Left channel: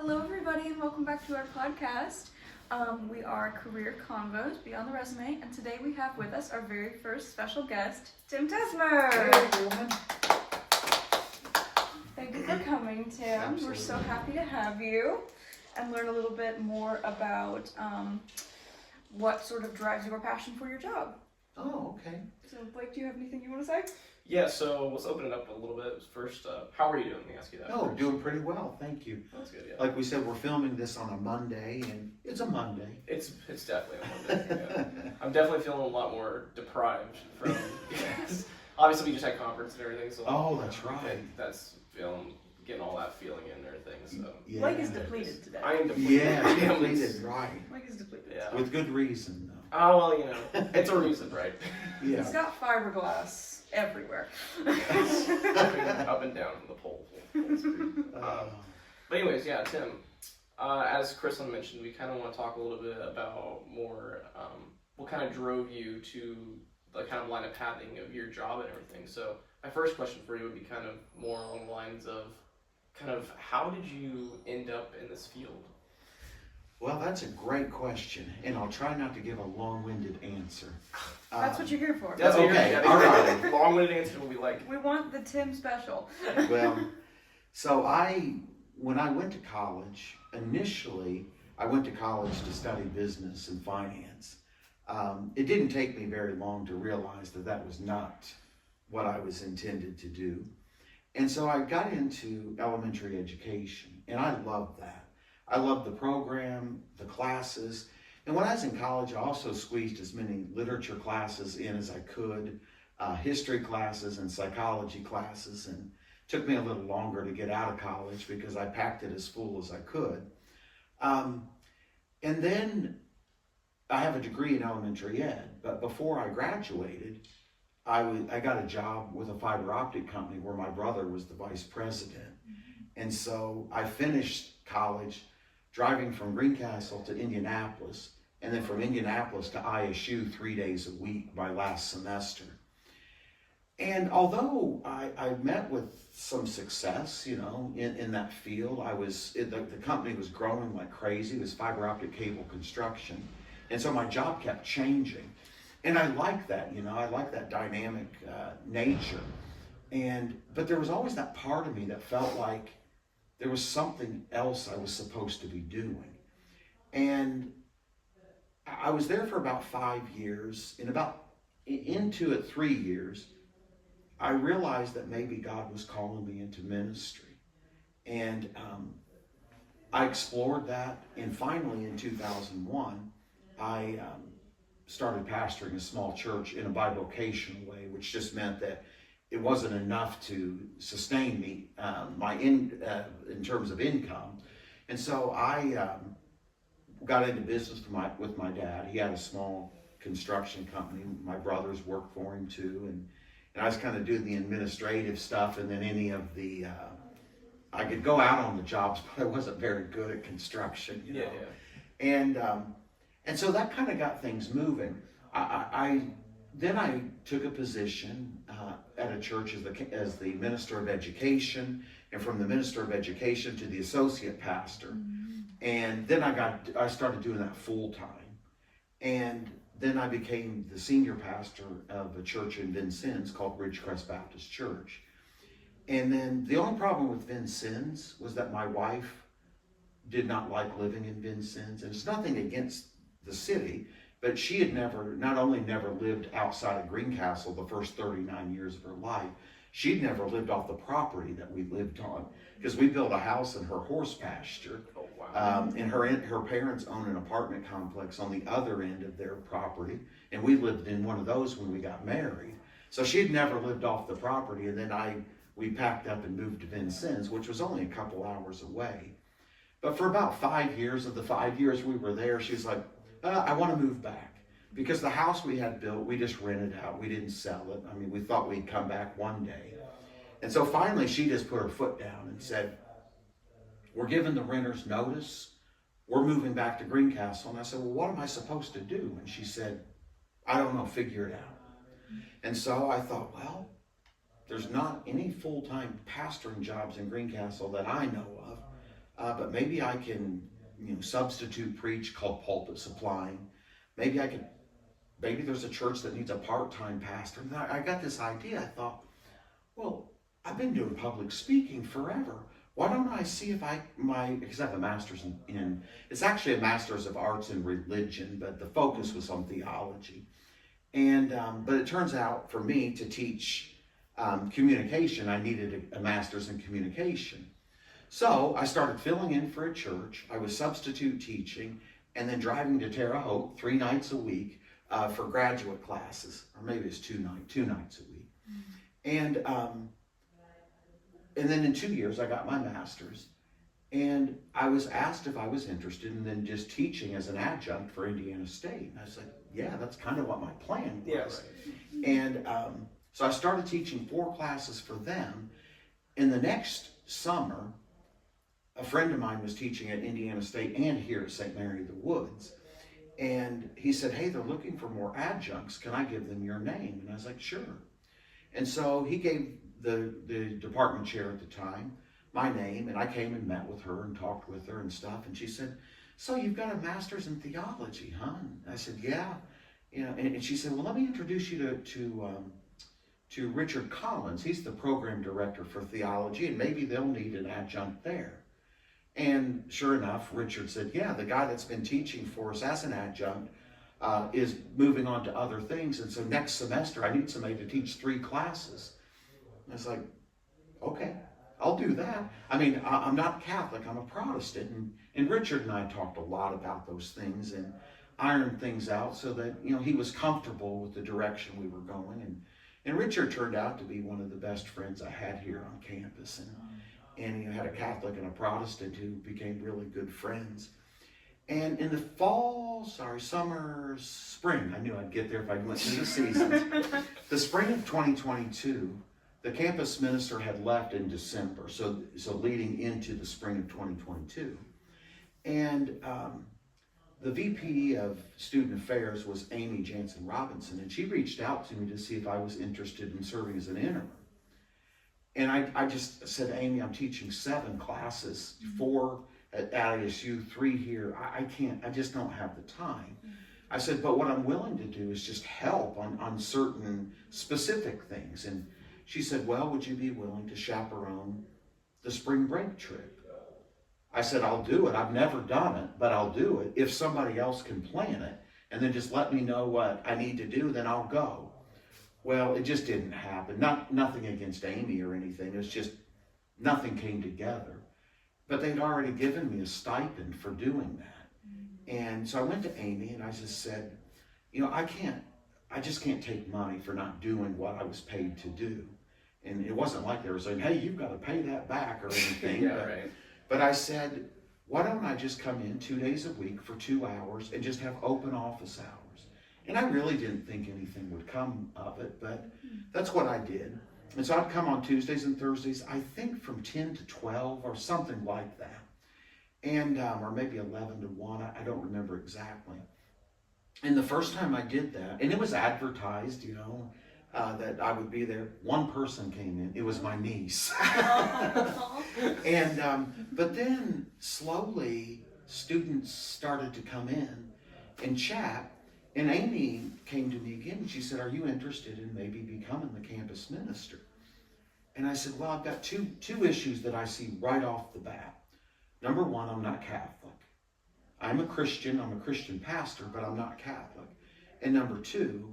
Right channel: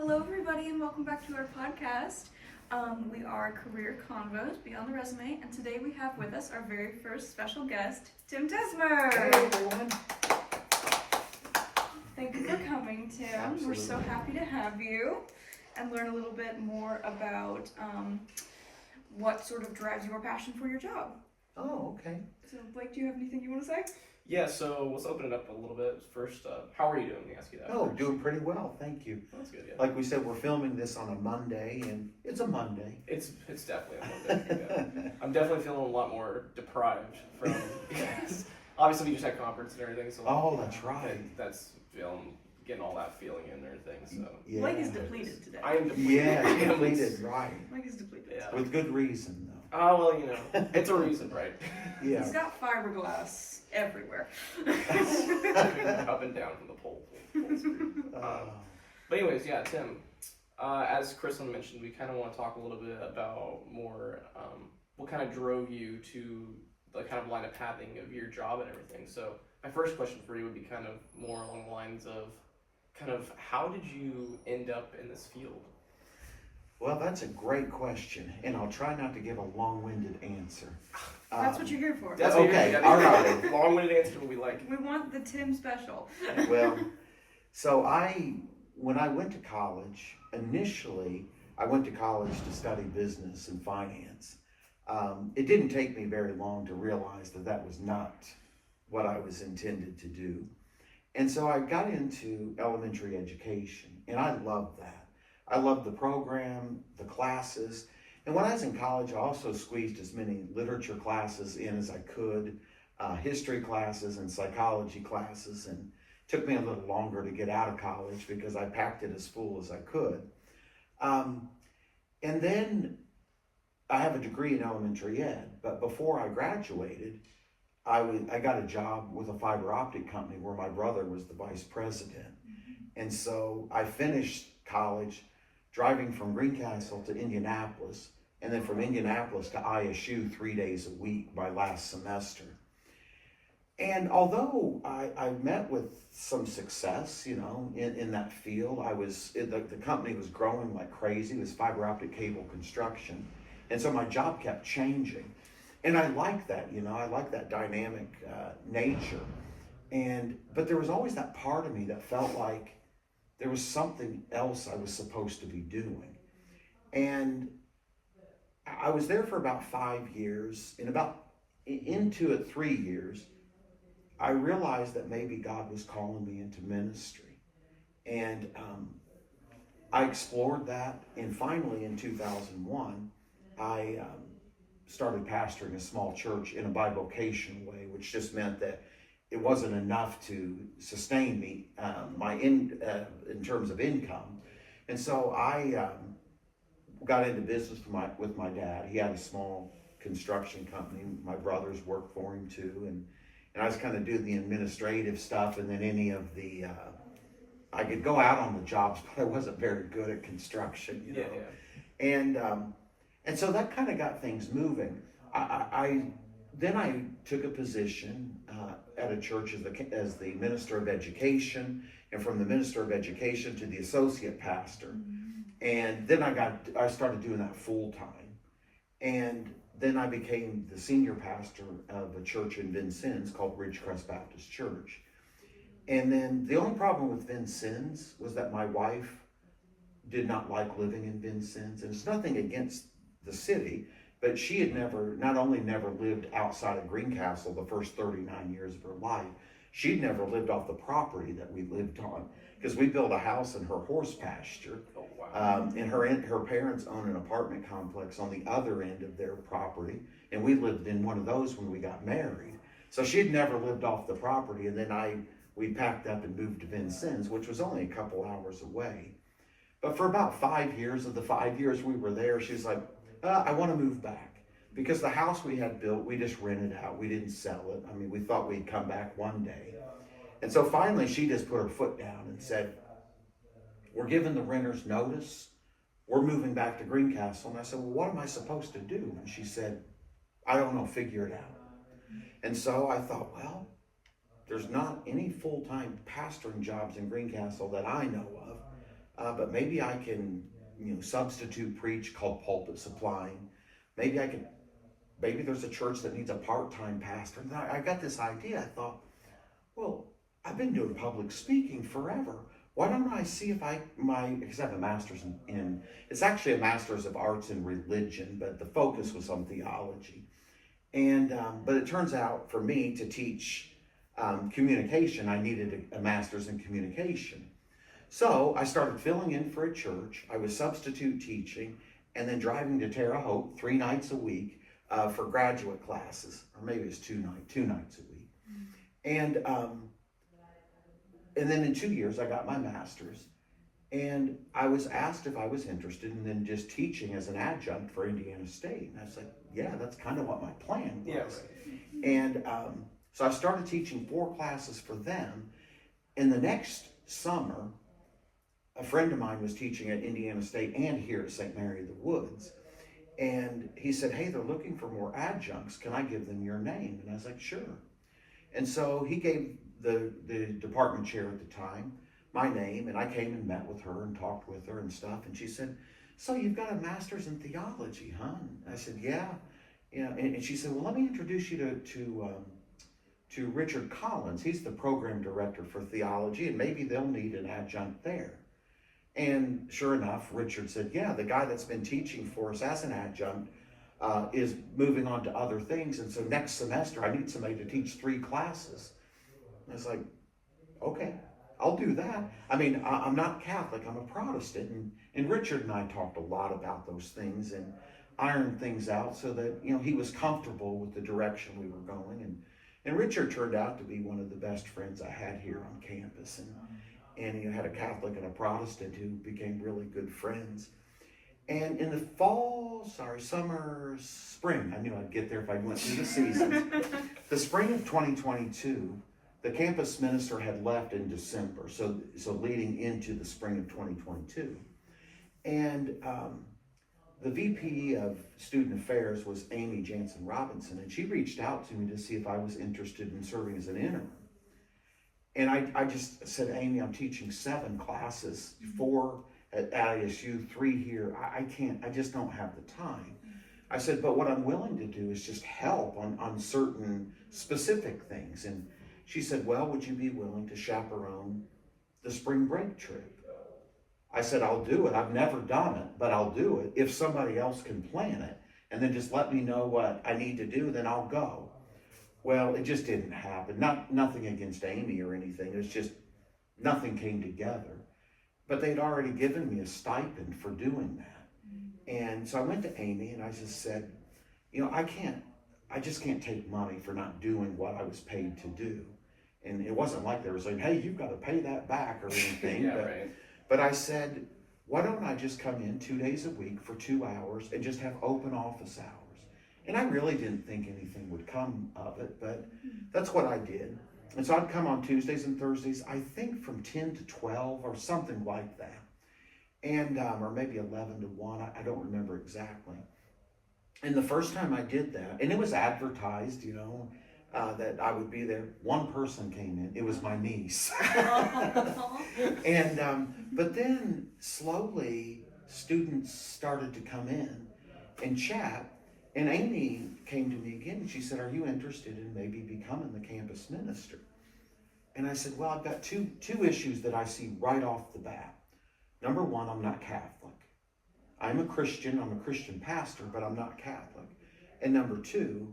Hello, everybody, and welcome back to our podcast. We are Career Convos Beyond the Resume, and today we have with us our very first special guest, Tim Tesmer. Hey, everyone. Thank you for coming, Tim. Absolutely. We're so happy to have you and learn a little bit more about what sort of drives your passion for your job. Oh, okay. So, Blake, do you have anything you want to say? Yeah, so let's open it up a little bit. First, how are you doing? Let me ask you that. Oh, first. doing pretty well, thank you. That's good, yeah. Like we said, we're filming this on a Monday, and it's a Monday. It's definitely a Monday. Yeah. I'm definitely feeling a lot more deprived from, because obviously we just had conference and everything, so Oh, that's right. That's getting all that feeling in and everything, so. Yeah. Blake is depleted today. I am depleted. Yeah, I am. depleted, right. Blake is depleted. Yeah. With good reason, though. Oh, well, you know, it's a reason, right? Yeah. He's got fiberglass everywhere. Up and down from the pole. But anyways, yeah, Tim, as Kristen mentioned, we kind of want to talk a little bit about more what kind of drove you to the kind of line of pathing of your job and everything. So my first question for you would be kind of more along the lines of kind of how did you end up in this field? Well, that's a great question, and I'll try not to give a long-winded answer. That's what you're here for. That's what Okay, you're all right. Long-winded answer we like. We want the Tim special. Well, so when I went to college, initially, I went to college to study business and finance. It didn't take me very long to realize that that was not what I was intended to do. And so I got into elementary education, and I loved that. I loved the program, the classes, and when I was in college, I also squeezed as many literature classes in as I could, history classes and psychology classes, and it took me a little longer to get out of college because I packed it as full as I could. And then I have a degree in elementary ed, but before I graduated, I got a job with a fiber optic company where my brother was the vice president. And so I finished college driving from Greencastle to Indianapolis, and then from Indianapolis to ISU 3 days a week my last semester. And although I met with some success, in that field, the company was growing like crazy. It was fiber optic cable construction. And so my job kept changing. And I like that, I like that dynamic nature. But there was always that part of me that felt like there was something else I was supposed to be doing. And I was there for about 5 years, and into it 3 years, I realized that maybe God was calling me into ministry. And I explored that, and finally in 2001, I started pastoring a small church in a bivocational way, which just meant that it wasn't enough to sustain me in terms of income. And so I got into business with my dad. He had a small construction company. My brothers worked for him too. And I was kind of doing the administrative stuff, and then any of the, I could go out on the jobs, but I wasn't very good at construction, Yeah. And so that kind of got things moving. Then I took a position at a church as the minister of education, and from the minister of education to the associate pastor. And then I started doing that full time. And then I became the senior pastor of a church in Vincennes called Ridgecrest Baptist Church. And then the only problem with Vincennes was that my wife did not like living in Vincennes. And it's nothing against the city, but she had not only never lived outside of Greencastle the first 39 years of her life, she'd never lived off the property that we lived on, because we built a house in her horse pasture. Oh, wow. And her parents own an apartment complex on the other end of their property, and we lived in one of those when we got married. So she'd never lived off the property, and then we packed up and moved to Vincennes, which was only a couple hours away. But for about 5 years of the 5 years we were there, she's like, I want to move back, because the house we had built, we just rented out. We didn't sell it. I mean, we thought we'd come back one day. And so finally she just put her foot down and said, we're giving the renters notice. We're moving back to Greencastle. And I said, well, what am I supposed to do? And she said, I don't know, figure it out. And so I thought, well, there's not any full-time pastoring jobs in Greencastle that I know of. but maybe I can, substitute preach called pulpit supplying. Maybe maybe there's a church that needs a part-time pastor. And I got this idea. I thought, well, I've been doing public speaking forever. Why don't I see if because I have a master's in, it's actually a master's of arts in religion, but the focus was on theology. And, but it turns out for me to teach communication, I needed a master's in communication. So I started filling in for a church. I was substitute teaching and then driving to Terre Haute 3 nights a week for graduate classes, or maybe it's 2 nights a week. And then in 2 years, I got my master's, and I was asked if I was interested in then just teaching as an adjunct for Indiana State. And I was like, yeah, that's kind of what my plan was. Yeah, right. And so I started teaching 4 classes for them. And the next summer, a friend of mine was teaching at Indiana State and here at St. Mary of the Woods. And he said, hey, they're looking for more adjuncts. Can I give them your name? And I was like, sure. And so he gave the department chair at the time my name, and I came and met with her and talked with her and stuff. And she said, so you've got a master's in theology, huh? And I said, yeah. And she said, well, let me introduce you to Richard Collins. He's the program director for theology, and maybe they'll need an adjunct there. And sure enough, Richard said, yeah, the guy that's been teaching for us as an adjunct is moving on to other things. And so next semester, I need somebody to teach 3 classes. I was like, okay, I'll do that. I mean, I'm not Catholic, I'm a Protestant. And Richard and I talked a lot about those things and ironed things out so that, he was comfortable with the direction we were going. And Richard turned out to be one of the best friends I had here on campus. And you had a Catholic and a Protestant who became really good friends. And in the spring, I knew I'd get there if I went through the seasons. The spring of 2022, the campus minister had left in December, so leading into the spring of 2022. And the VP of Student Affairs was Amy Jansen Robinson, and she reached out to me to see if I was interested in serving as an interim. And I just said, Amy, I'm teaching 7 classes, 4 at ISU, 3 here. I just don't have the time. I said, but what I'm willing to do is just help on certain specific things. And she said, well, would you be willing to chaperone the spring break trip? I said, I'll do it. I've never done it, but I'll do it. If somebody else can plan it, and then just let me know what I need to do, then I'll go. Well, it just didn't happen. Nothing against Amy or anything. It's just nothing came together. But they'd already given me a stipend for doing that. And so I went to Amy and I just said, I just can't take money for not doing what I was paid to do. And it wasn't like they were saying, hey, you've got to pay that back or anything. Yeah, right. But I said, why don't I just come in 2 days a week for 2 hours and just have open office hours? And I really didn't think anything would come of it, but that's what I did. And so I'd come on Tuesdays and Thursdays, I think from 10 to 12 or something like that. And, or maybe 11 to 1, I don't remember exactly. And the first time I did that, and it was advertised, that I would be there. One person came in. It was my niece. And but then slowly students started to come in and chat. And Amy came to me again and she said, are you interested in maybe becoming the campus minister? And I said, well, I've got two issues that I see right off the bat. Number one, I'm not Catholic. I'm a Christian pastor, but I'm not Catholic. And number two,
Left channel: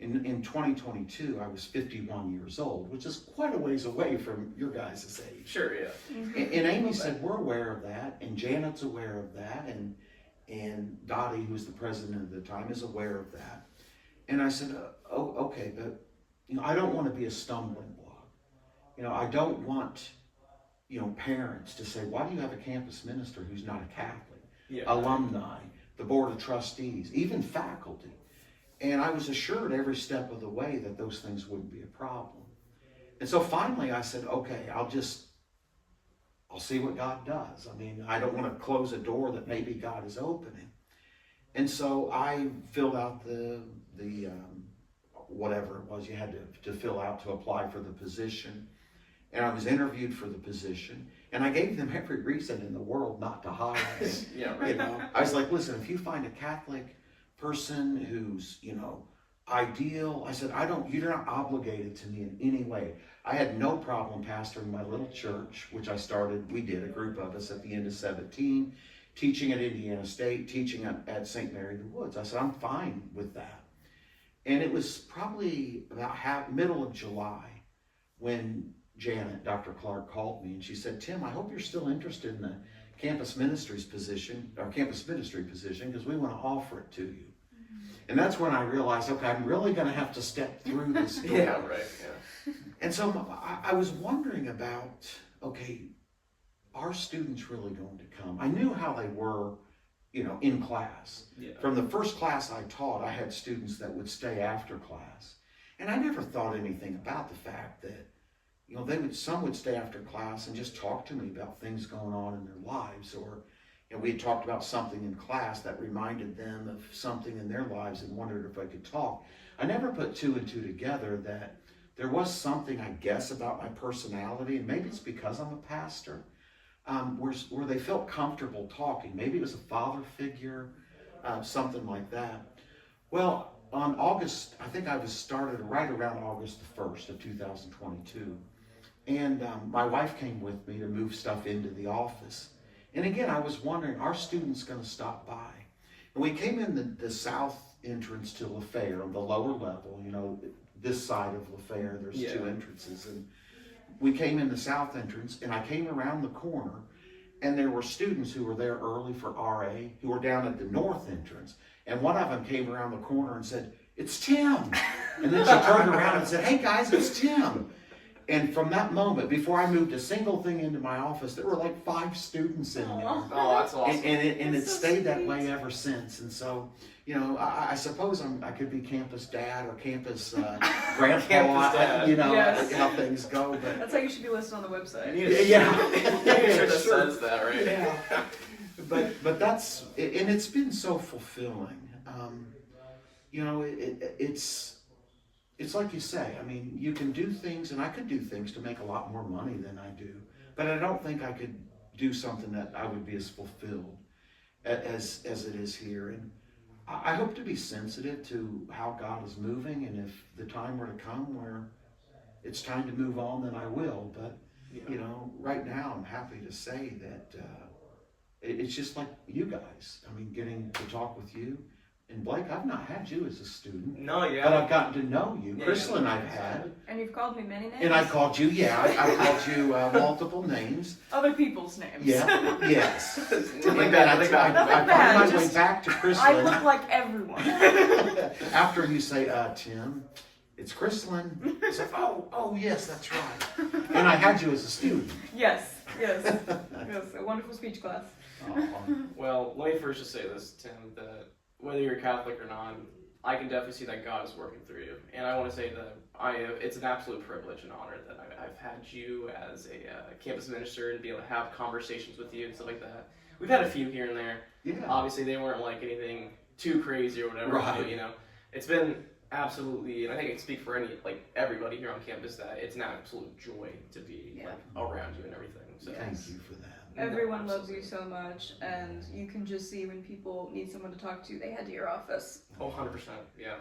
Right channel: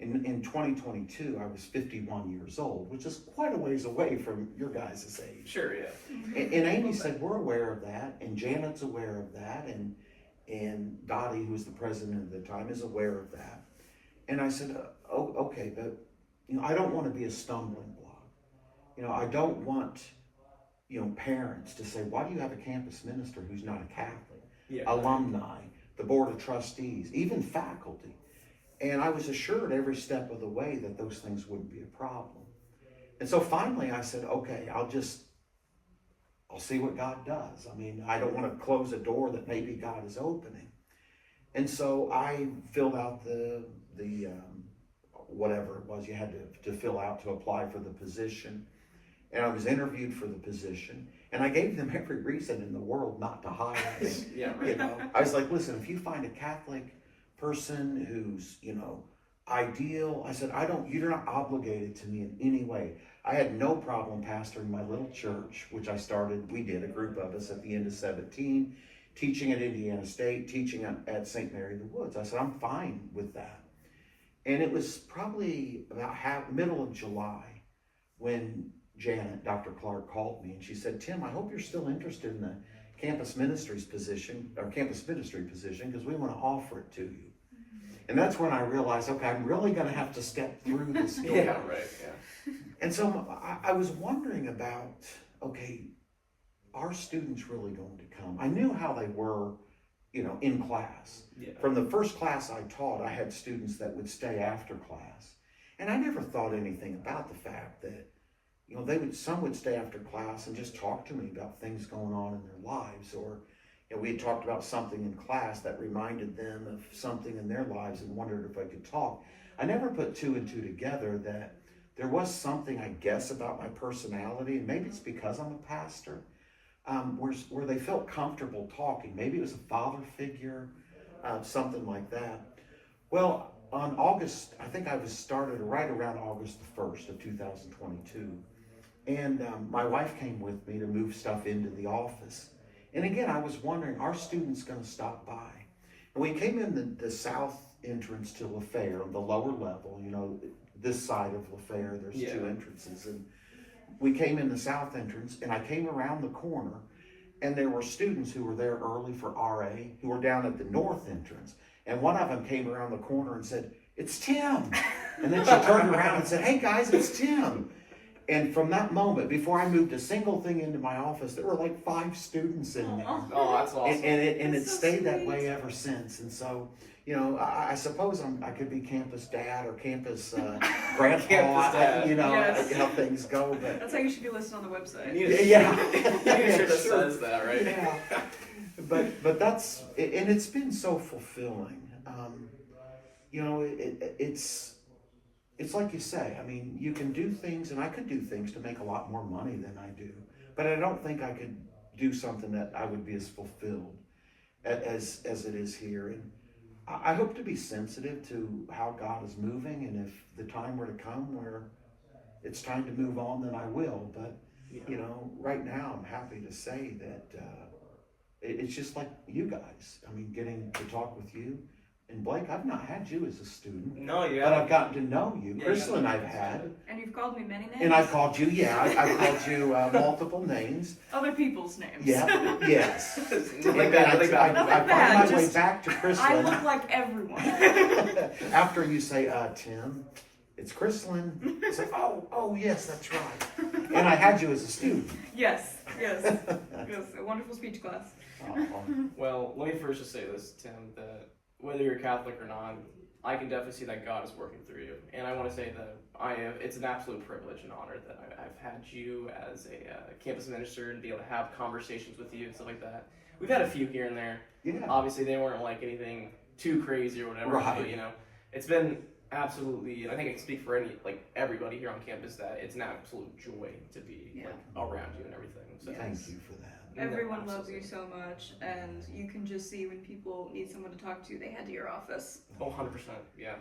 in 2022, I was 51 years old, which is quite a ways away from your guys' age. Sure, yeah. And Amy said, we're aware of that, and Janet's aware of that, and Dottie, who was the president at the time, is aware of that. And I said, oh, okay, but I don't want to be a stumbling block. I don't want parents to say, why do you have a campus minister who's not a Catholic? Yeah, Alumni, the board of trustees, even faculty. And I was assured every step of the way that those things wouldn't be a problem. And so finally I said, okay, I'll see what God does. I mean, I don't want to close a door that maybe God is opening. And so I filled out the whatever it was you had to fill out to apply for the position. and I was interviewed for the position, and I gave them every reason in the world not to hire me. Yeah, right. You know, I was like, listen, if you find a Catholic person who's, you know, ideal, I said, you're not obligated to me in any way. I had no problem pastoring my little church, which we did, a group of us at the end of 17, teaching at Indiana State, teaching at St. Mary of the Woods. I said, I'm fine with that. And it was probably about middle of July when Janet, Dr. Clark, called me and she said, Tim, I hope you're still interested in the campus ministry position, because we want to offer it to you. And that's when I realized, okay, I'm really going to have to step through this door. Yeah, right, yeah. And so I was wondering about, okay, are students really going to come? I knew how they were, you know, in class. Yeah. From the first class I taught, I had students that would stay after class. And I never thought anything about the fact that, you know, some would stay after class and just talk to me about things going on in their lives, or, you know, we had talked about something in class that reminded them of something in their lives and wondered if I could talk. I never put two and two together that there was something, I guess, about my personality, and maybe it's because I'm a pastor, where they felt comfortable talking. Maybe it was a father figure, something like that. Well, on August, I think I was started right around August the 1st of 2022. And my wife came with me to move stuff into the office. And again, I was wondering, are students going to stop by? And we came in the south entrance to LaFayette, the lower level, you know, this side of LaFayette, there's two entrances. And we came in the south entrance, and I came around the corner, and there were students who were there early for RA, who were down at the north entrance. And one of them came around the corner and said, it's Tim. And then she turned around and said, hey guys, it's Tim. And from that moment, before I moved a single thing into my office, there were like 5 students in there. Oh, that's awesome. And it so stayed that sweet. way ever since. And so, you know, I suppose I could be campus dad or campus grandpa. Campus dad. You know, Yes. how things go. But That's how you should be listed on the website. You need a Yeah. shirt that Sure. says that, right? Yeah. But that's, and it's been so fulfilling. You know, it's like you say, I mean, you can do things, and I could do things to make a lot more money than I do, but I don't think I could do something that I would be as fulfilled as it is here. And I hope to be sensitive to how God is moving, and if the time were to come where it's time to move on, then I will. But, you know, right now I'm happy to say that it's just like you guys. I mean, getting to talk with you. And Blake, I've not had you as a student. No, yeah. But I've gotten to know you. Yeah, Crystalline yeah. I've had. And you've called me many names. And I've called you, I called you multiple names. Other people's names. Yeah, yes. Nothing bad, nothing I bad. found my way Just- back to I Crystalline look like everyone. after you say, Tim, it's Crystalline. I said, oh, yes, that's right. And I had you as a student. Yes. Yes, a wonderful speech class. Well, let me first just say this, Tim, that whether you're Catholic or not, I can definitely see that God is working through you. And I want to say that it's an absolute privilege and honor that I've had you as a campus minister and be able to have conversations with you and stuff like that. We've had a few here and there. Yeah. Obviously, they weren't like anything too crazy or whatever. Right. But, you know, it's been absolutely, and I think I can speak for everybody here on campus, that it's an absolute joy to be around you and everything. So Thank you for that. Everyone loves you so much, and you can just see when people need someone to talk to, they head to your office. Oh, 100%, yeah.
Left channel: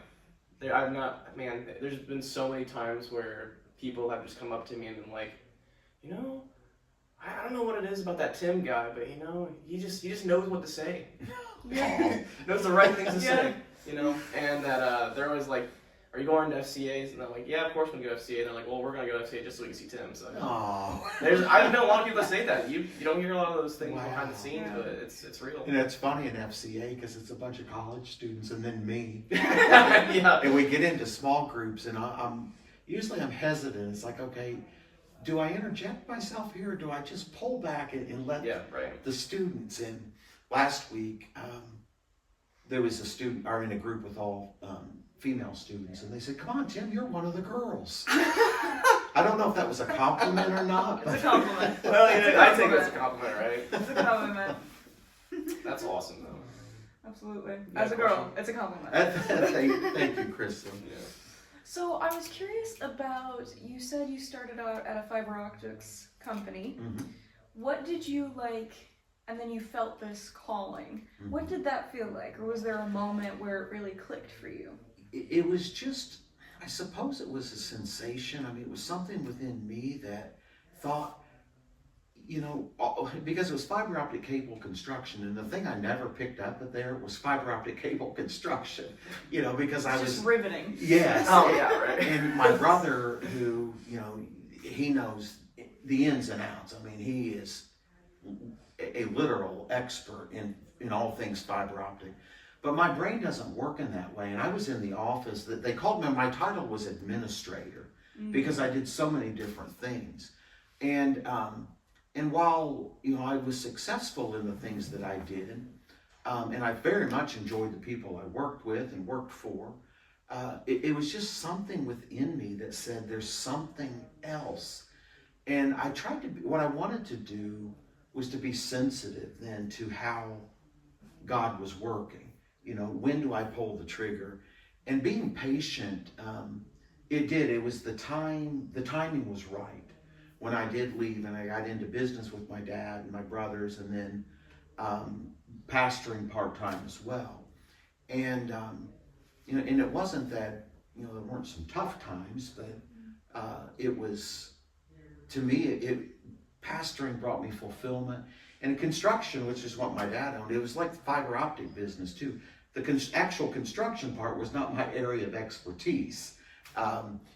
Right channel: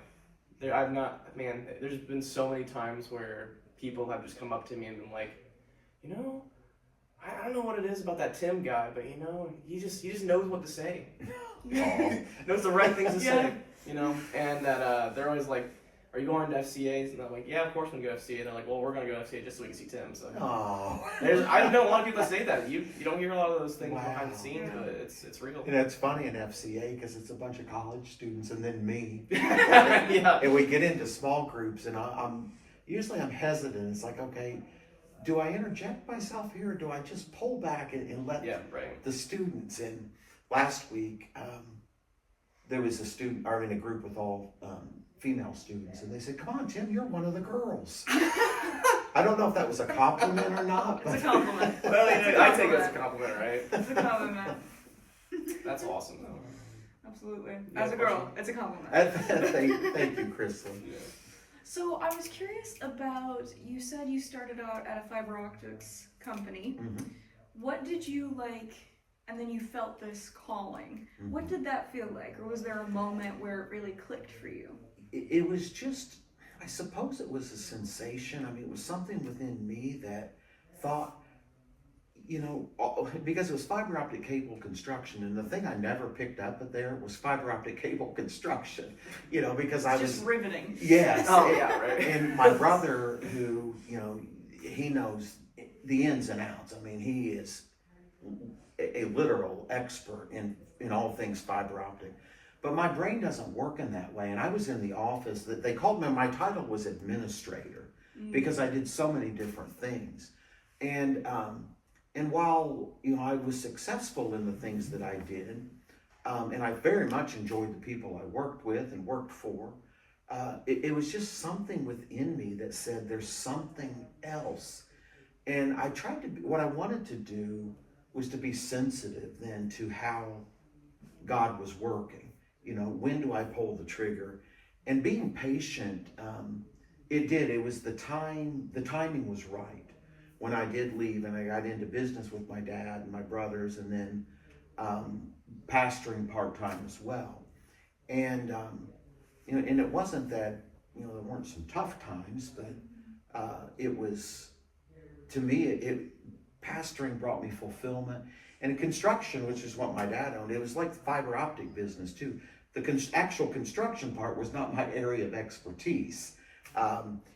There's been so many times where people have just come up to me and been like, you know, I don't know what it is about that Tim guy, but you know, he just knows what to say. Knows the right things to say, you know, and that they're always like, are you going to FCAs? And I'm like, yeah, of course we're going to go FCA. And they're like, well, we're going to go to FCA just so we can see Tim. So I've known a lot of people that say that. You don't hear a lot of those things behind the scenes, but it's real. And it's funny in FCA because it's a bunch of college students and then me. Yeah. And we get into small groups, and I'm hesitant. It's like, okay, do I interject myself here, or do I just pull back and let the students in? Last week, there was a group with all female students, and they said, come on, Tim, you're one of the girls. I don't know if that was a compliment or not. It's a compliment. Well, you know, I take it as a compliment, right? It's a compliment. That's awesome, though. Absolutely. Yeah, As a girl, it's a compliment. Thank you, Kristen. Yeah. So I was curious about, you said you started out at a fiber optics company. Mm-hmm. What did you like, and then you felt this calling. Mm-hmm. What did that feel like? Or was there a moment where it really clicked for you? It was just, I suppose it was a sensation. I mean, it was something within me that thought, because it was fiber optic cable construction, and the thing I never picked up at there was fiber optic cable construction, because I was just riveting. Yes. Oh yeah, right. And my brother, who, he knows the ins and outs. I mean, he is a literal expert in all things fiber optic. But my brain doesn't work in that way. And I was in the office that they called me, my title was administrator because I did so many different things. And while, I was successful in the things that I did, and I very much enjoyed the people I worked with and worked for, it was just something within me that said there's something else. And I tried to, what I wanted to do was to be sensitive then to how God was working. When do I pull the trigger? And being patient, it was the timing was right. When I did leave and I got into business with my dad and my brothers, and then pastoring part-time as well. And, and it wasn't that, there weren't some tough times, but it was, to me, pastoring brought me fulfillment. And construction, which is what my dad owned, it was like the fiber optic business too. The actual construction part was not my area of expertise.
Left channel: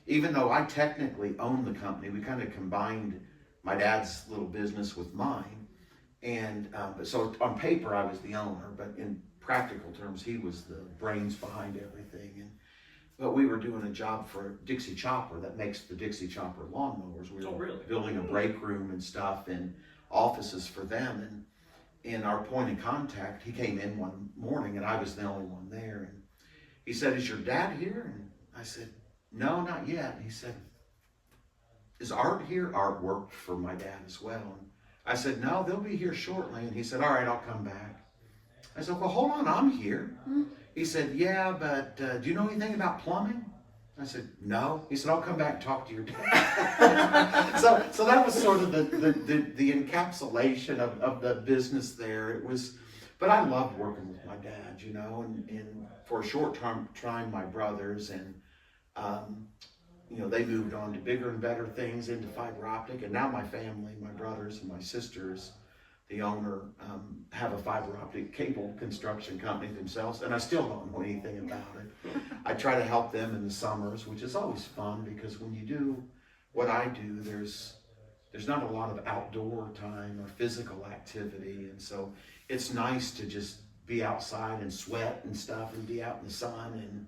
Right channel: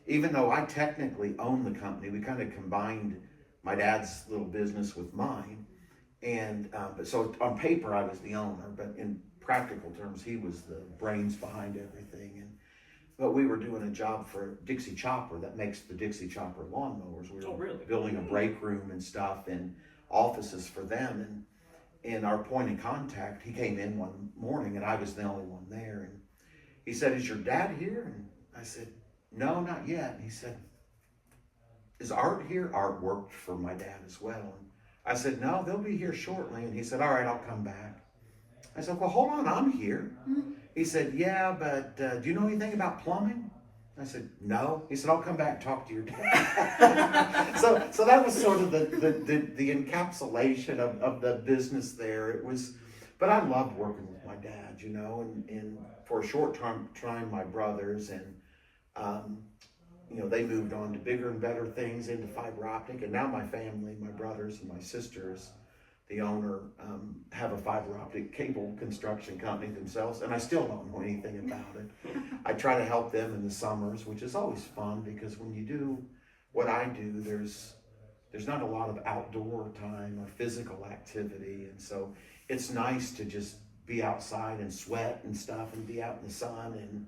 Even though I technically owned the company, we kind of combined my dad's little business with mine. And so on paper, I was the owner, but in practical terms, he was the brains behind everything. But we were doing a job for Dixie Chopper that makes the Dixie Chopper lawnmowers. We were building a break room and stuff and offices for them. And our point of contact, he came in one morning and I was the only one there. And he said, "Is your dad here?" And I said, "No, not yet." And he said, "Is Art here?" Art worked for my dad as well. And I said, "No, they'll be here shortly." And he said, "All right, I'll come back." I said, "Well, hold on, I'm here." He said, "Yeah, but do you know anything about plumbing?" I said, "No." He said, "I'll come back and talk to your dad." so that was sort of the encapsulation of the business there. It was, but I loved working with my dad, and for a short time, my brothers, and they moved on to bigger and better things into fiber optic, and now my family, my brothers and my sisters, the owner, have a fiber optic cable construction company themselves, and I still don't know anything about it. I try to help them in the summers, which is always fun, because when you do what I do, there's not a lot of outdoor time or physical activity, and so it's nice to just be outside and sweat and stuff and be out in the sun and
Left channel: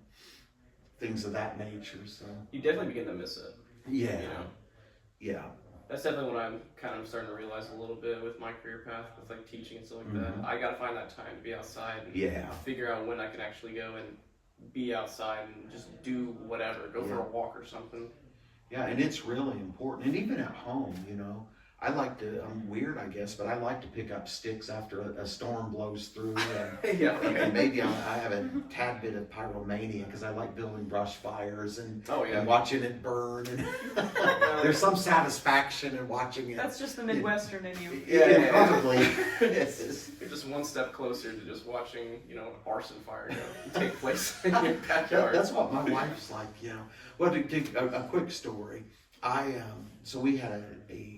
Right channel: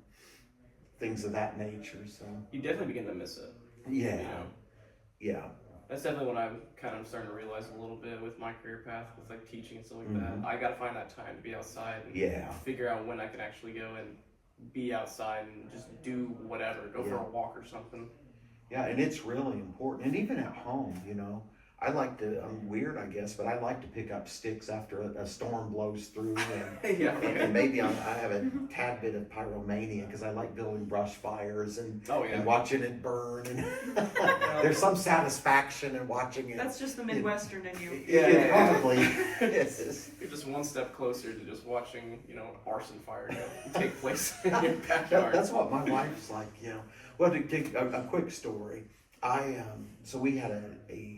things of that nature. So You definitely begin to miss it. yeah, yeah. That's definitely what I'm kind of starting to realize a little bit with my career path, with like teaching and stuff like that. I got to find that time to be outside and figure out when I can actually go and be outside and just do whatever, go for a walk or something. Yeah, and it's really important. And even at home, I like to, I'm weird, I guess, but I like to pick up sticks after a storm blows through. And, and maybe I have a tad bit of pyromania because I like building brush fires and watching it burn. And there's some satisfaction in watching it. That's just the Midwestern in you. Yeah, probably. Yes. You're just one step closer to just watching, arson fire take place in your backyard. That's what my wife's like, Well, to take a quick story, so we had a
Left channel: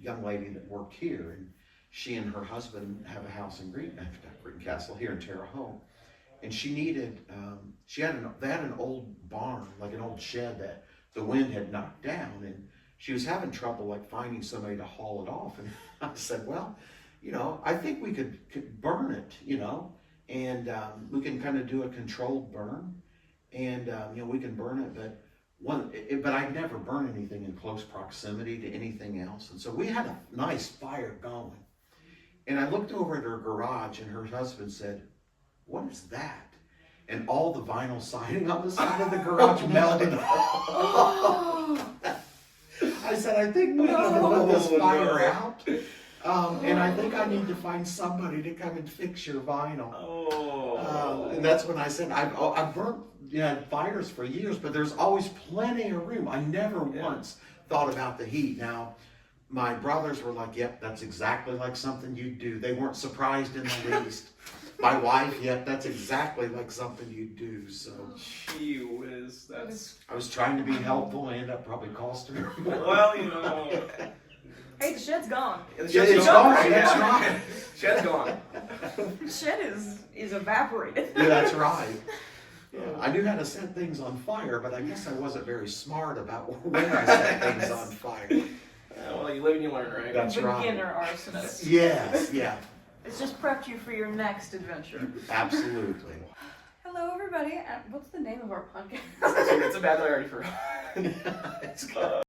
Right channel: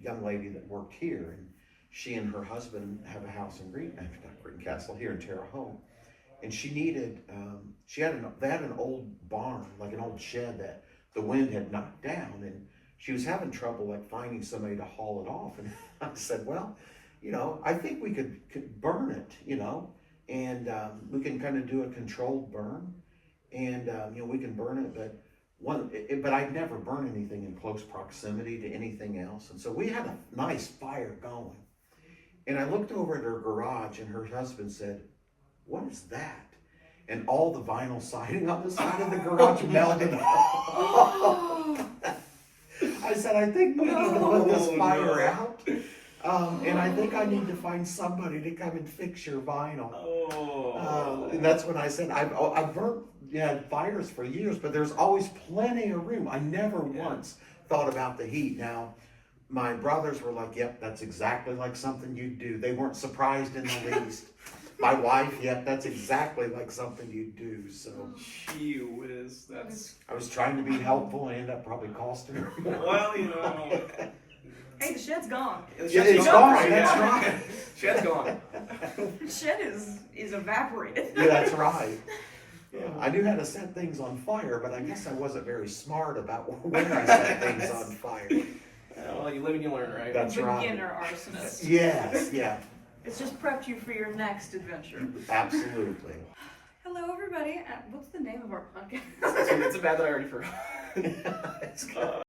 young lady that worked here, and she and her husband have a house in Green Castle here in Terre Haute, and she needed, they had an old barn, like an old shed that the wind had knocked down, and she was having trouble like finding somebody to haul it off. And I said, "Well, I think we could burn it, and we can kind of do a controlled burn, and we can burn it, but I'd never burn anything in close proximity to anything else." And so we had a nice fire going. And I looked over at her garage, and her husband said, "What is that?" And all the vinyl siding on the side of the garage melted off. I said, "I think we need to put this fire out. And I think I need to find somebody to come and fix your vinyl." And that's when I said, I've burnt you had fires for years, but there's always plenty of room. I never once thought about the heat. Now, my brothers were like, yep, that's exactly like something you'd do. They weren't surprised in the least. My wife, yep, that's exactly like something you'd do. So Gee whiz, that's... I was trying to be helpful and ended up probably costing her more. Well, you know... Hey, the shed's gone. The Yeah, shed's it's gone, gone, that's yeah. right. Shed's gone. The shed is evaporated. Yeah, that's right. Yeah, I knew how to set things on fire, but I guess I wasn't very smart about when I set things on fire. Well, you live and you learn, right? That's right. Beginner arsonist. Yes, yeah, It's just prepped you for your next adventure. absolutely. Hello, everybody. What's the name of our podcast? It's a bad that I already forgot. It's good.